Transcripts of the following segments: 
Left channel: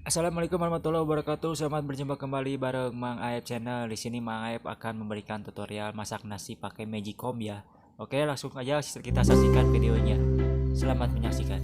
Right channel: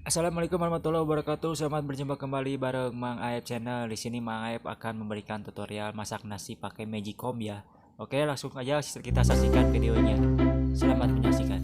Assalamualaikum warahmatullahi wabarakatuh. Selamat berjumpa kembali bareng Mang Aep channel. Di sini Mang Aep akan memberikan tutorial masak nasi pakai magicom ya. Oke, langsung aja kita saksikan videonya. Selamat menyaksikan.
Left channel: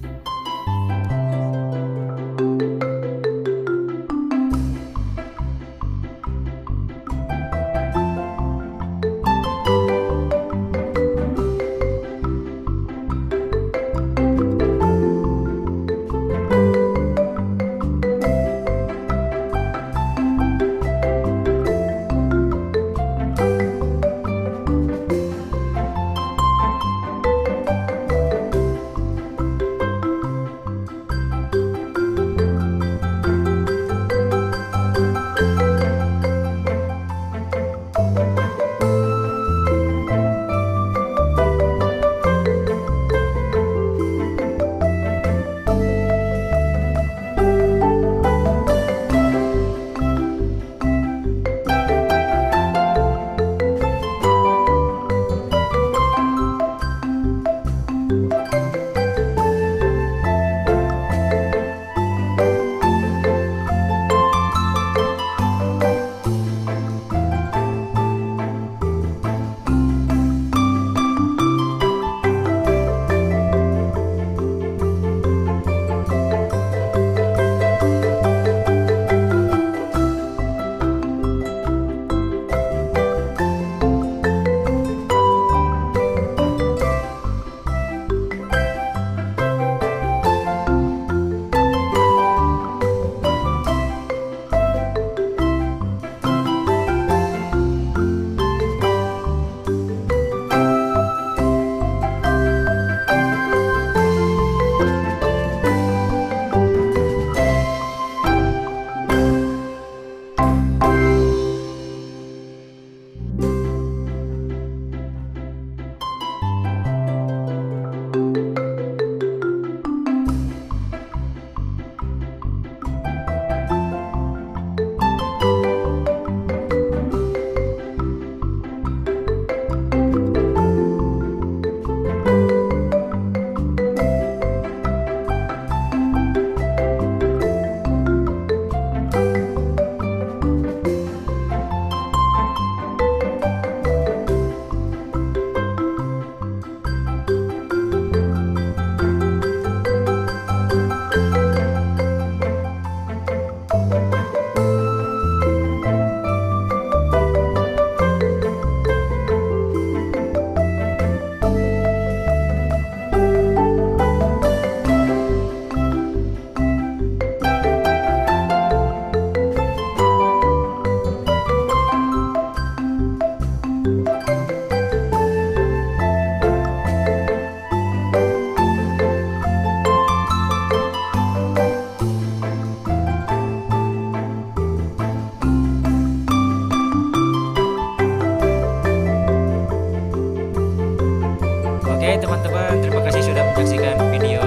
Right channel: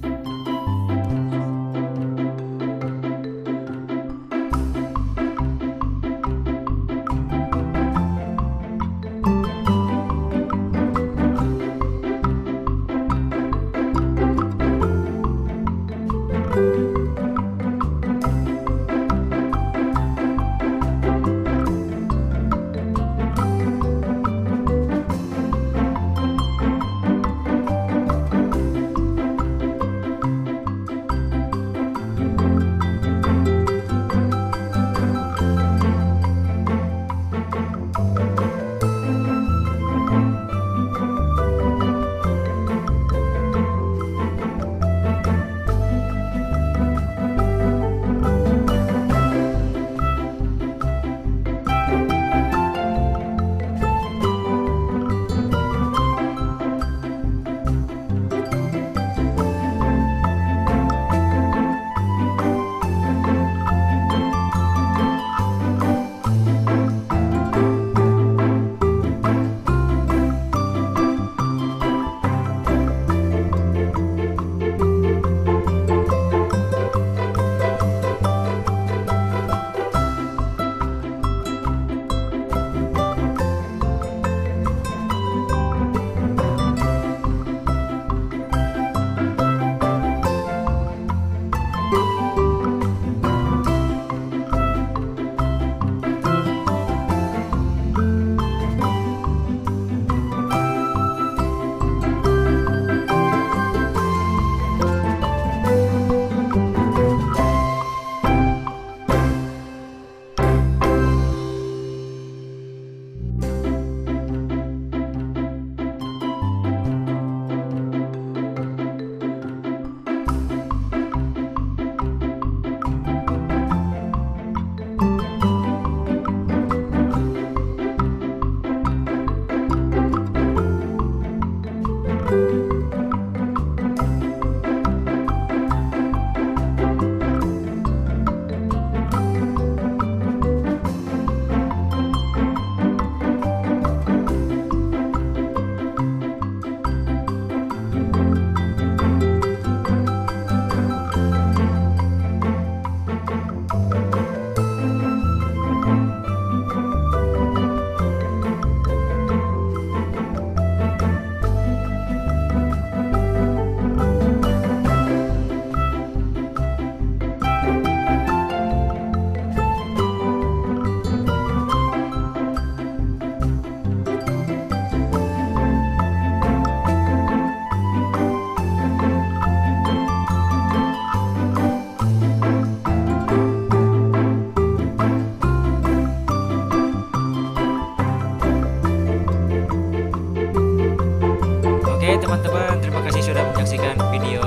Oke teman-teman, terima kasih sudah menyaksikan video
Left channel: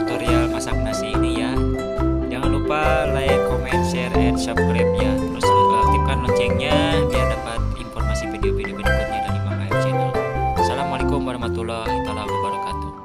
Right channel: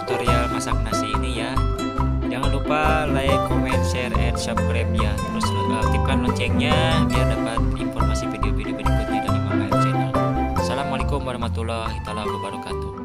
tutorial masak nasi ini ya. Jangan lupa like, comment, share, and subscribe ya. Terus aktifkan loncengnya biar dapat informasi video-video berikutnya dari Mang Aep channel. Assalamualaikum warahmatullahi wabarakatuh.